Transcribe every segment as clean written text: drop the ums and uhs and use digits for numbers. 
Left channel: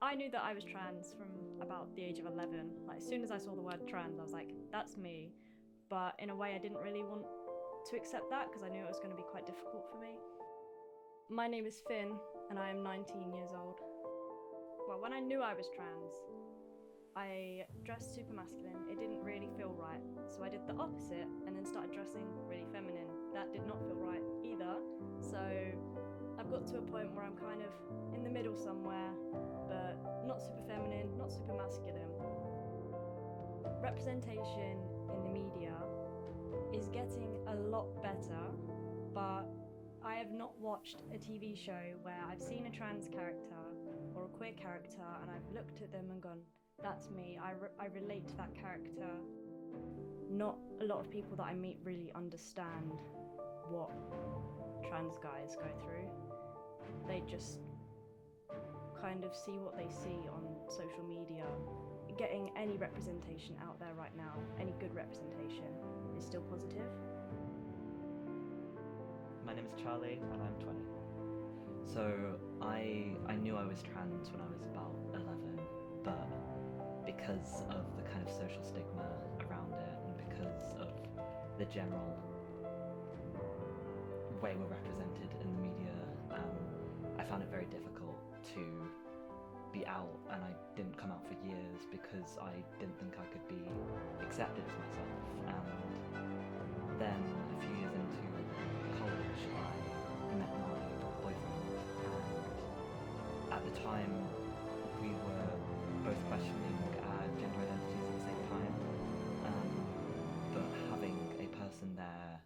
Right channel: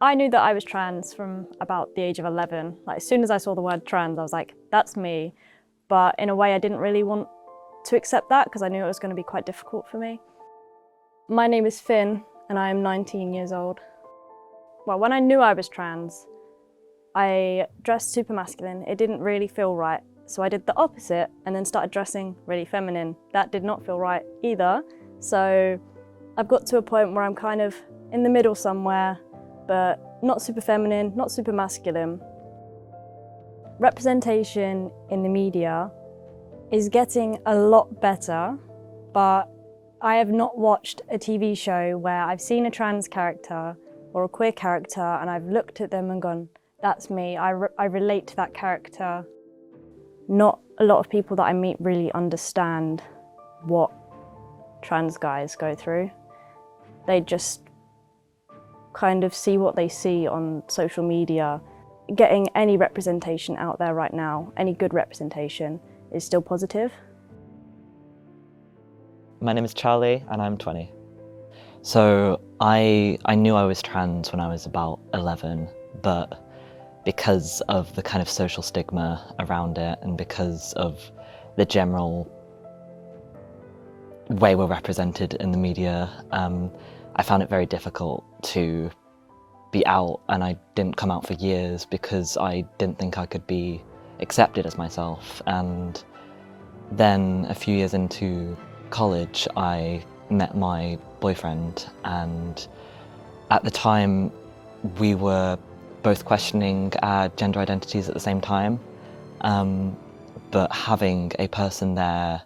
I knew that I was trans from about the age of 11. Like, as soon as I saw the word trans, I was like, that's me. But in a way, I didn't really want to accept that because I knew it was going to be quite difficult for me. My name is Finn, and I am 19 years old. Well, when I knew I was trans, I dressed super masculine. It didn't really feel right. So I did the opposite and then started dressing really feminine. That did not feel right either. So I've got to a point where I'm kind of in the middle somewhere, but not super feminine, not super masculine. Representation in the media is getting a lot better, but I have not watched a TV show where I've seen a trans character or a queer character and I've looked at them and gone, that's me, I relate to that character. Not a lot of people that I meet really understand what trans guys go through. They just kind of see what they see on social media. Getting any representation out there right now, any good representation, is still positive. My name is Charlie and I'm 20. So I knew I was trans when I was about 11, but because of the kind of social stigma around it and because of the general way we're represented in the media, I found it very difficult to be out, and I didn't come out for years because I didn't think I could be accepted as myself. And then a few years into college, I met my boyfriend, and at the time we were both questioning our gender identities at the same time, but having a person there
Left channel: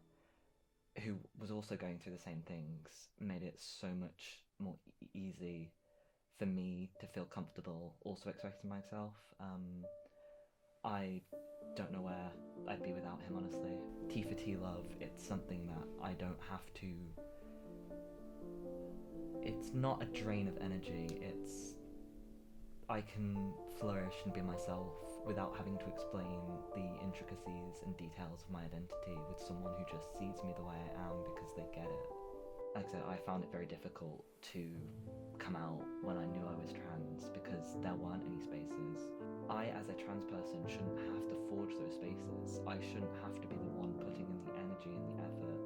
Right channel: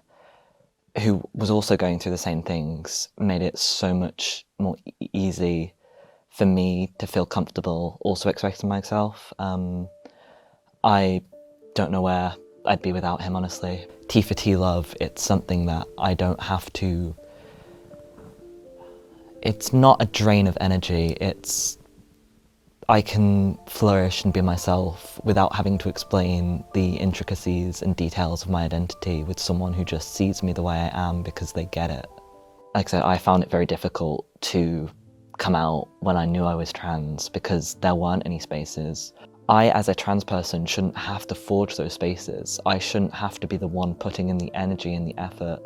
who was also going through the same things made it so much more easy for me to feel comfortable also expressing myself. I don't know where I'd be without him, honestly. T for T love, it's something that I don't have to... It's not a drain of energy, I can flourish and be myself without having to explain the intricacies and details of my identity with someone who just sees me the way I am because they get it. Like I said, I found it very difficult to come out when I knew I was trans because there weren't any spaces. I, as a trans person, shouldn't have to forge those spaces. I shouldn't have to be the one putting in the energy and the effort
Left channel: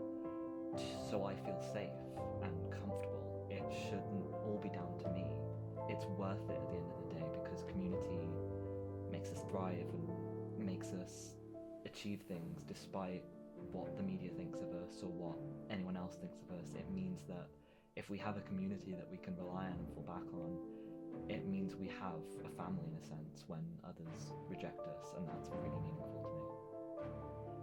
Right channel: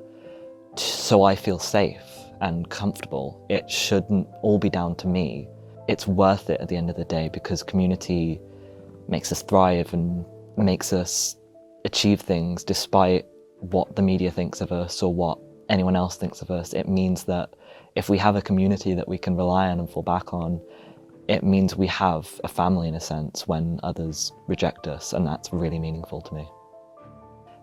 so I feel safe and comfortable. It shouldn't all be down to me. It's worth it at the end of the day because community makes us thrive and makes us achieve things despite what the media thinks of us or what anyone else thinks of us. It means that if we have a community that we can rely on and fall back on, it means we have a family in a sense when others reject us, and that's really meaningful to me.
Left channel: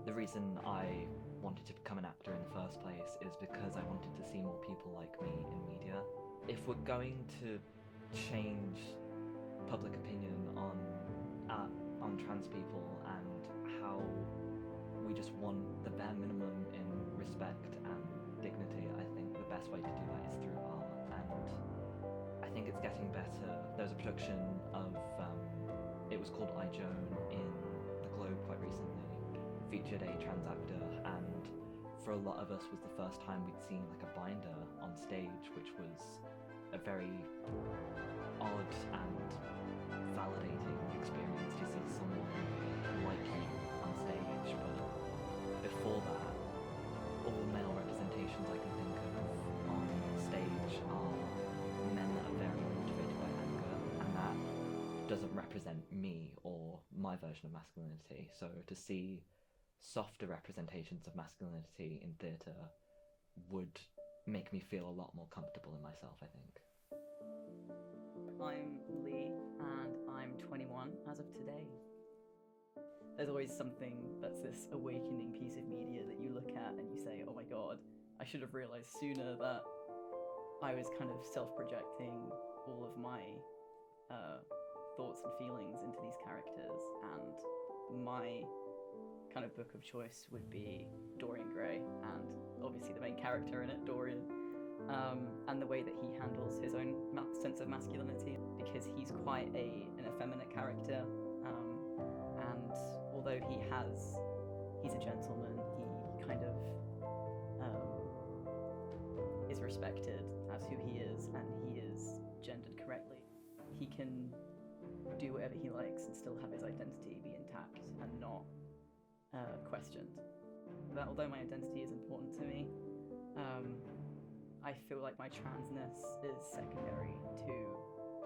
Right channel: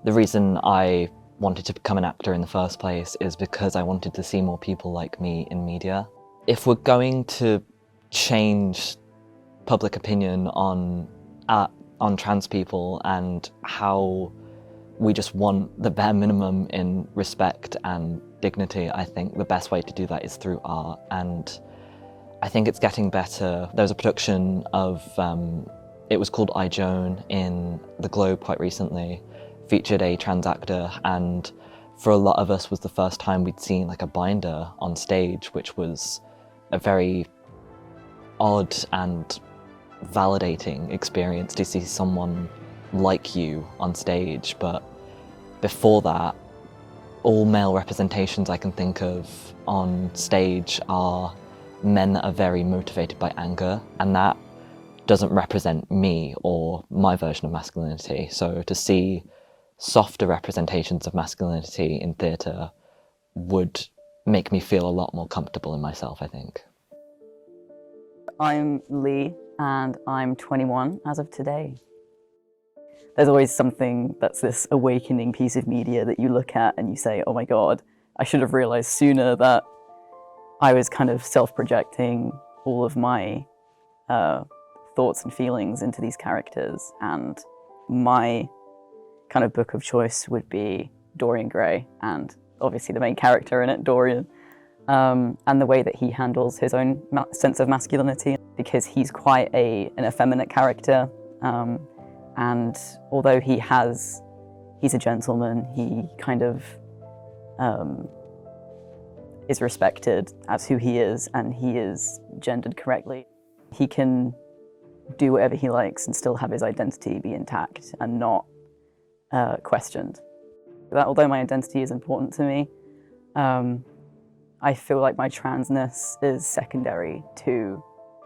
The reason I wanted to become an actor in the first place is because I wanted to see more people like me in media. If we're going to change public opinion on trans people and how we just want the bare minimum in respect and dignity, I think the best way to do that is through art, and I think it's getting better. There was a production of, it was called I, Joan in the Globe quite recently, featured a trans actor, and for a lot of us was the first time we'd seen like a binder on stage, which was a very odd and validating experience to see someone like you on stage. But before that, all male representations I can think of on stage are men that are very motivated by anger, and that doesn't represent me or my version of masculinity. So to see softer representations of masculinity in theatre would make me feel a lot more comfortable in myself, I think. I'm Lee, and I'm 21 as of today. There's always something that's this awakening piece of media that you look at and you say, oh my God, I should have realized sooner that I was kind of self-projecting all of my thoughts and feelings into these characters, and my kind of book of choice would be Dorian Gray, and obviously the main character in it, Dorian. And the way that he handles his own sense of masculinity, because he's quite an effeminate character, and although he's a gentleman, he kind of is respected as who he is, and he is gendered correctly. he can do whatever he likes and still have his identity be intact and not questioned. That although my identity is important to me, I feel like my transness is secondary to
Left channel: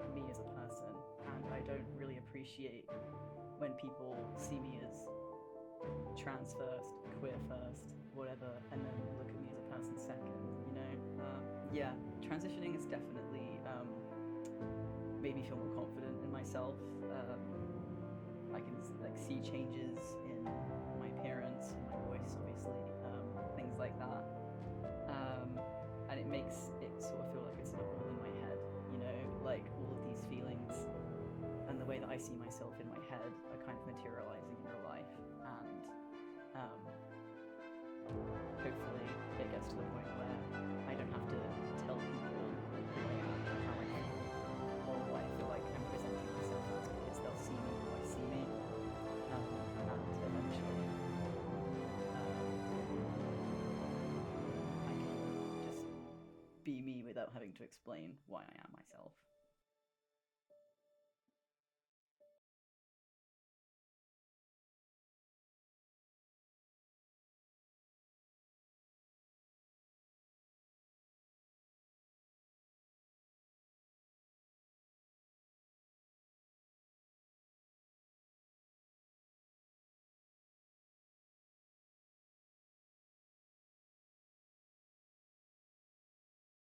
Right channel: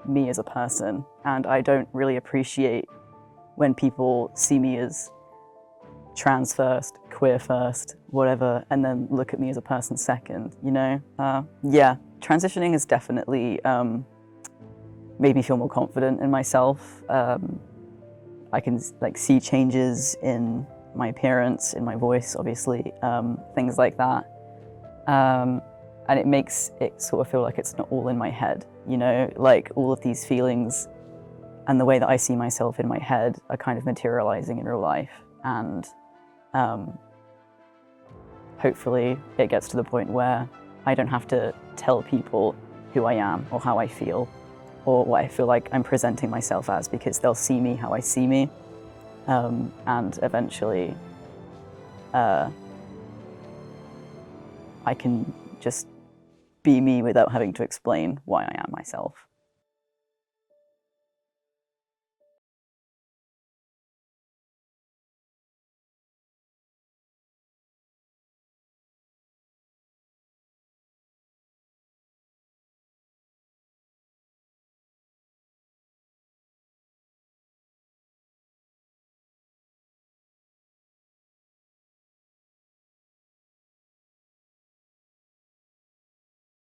me as a person, and I don't really appreciate when people see me as trans first, queer first, whatever, and then look at me as a person second, you know? Yeah, transitioning has definitely made me feel more confident in myself. I can like see changes in my appearance, in my voice, obviously, things like that. And it makes it sort of feel like it's not all in my head, you know? Like all of these feelings and the way that I see myself in my head are kind of materializing in real life. And hopefully it gets to the point where I don't have to tell people who I am or how I feel or what I feel like I'm presenting myself as, because they'll see me how I see me. And eventually I can just be me without having to explain why I am myself.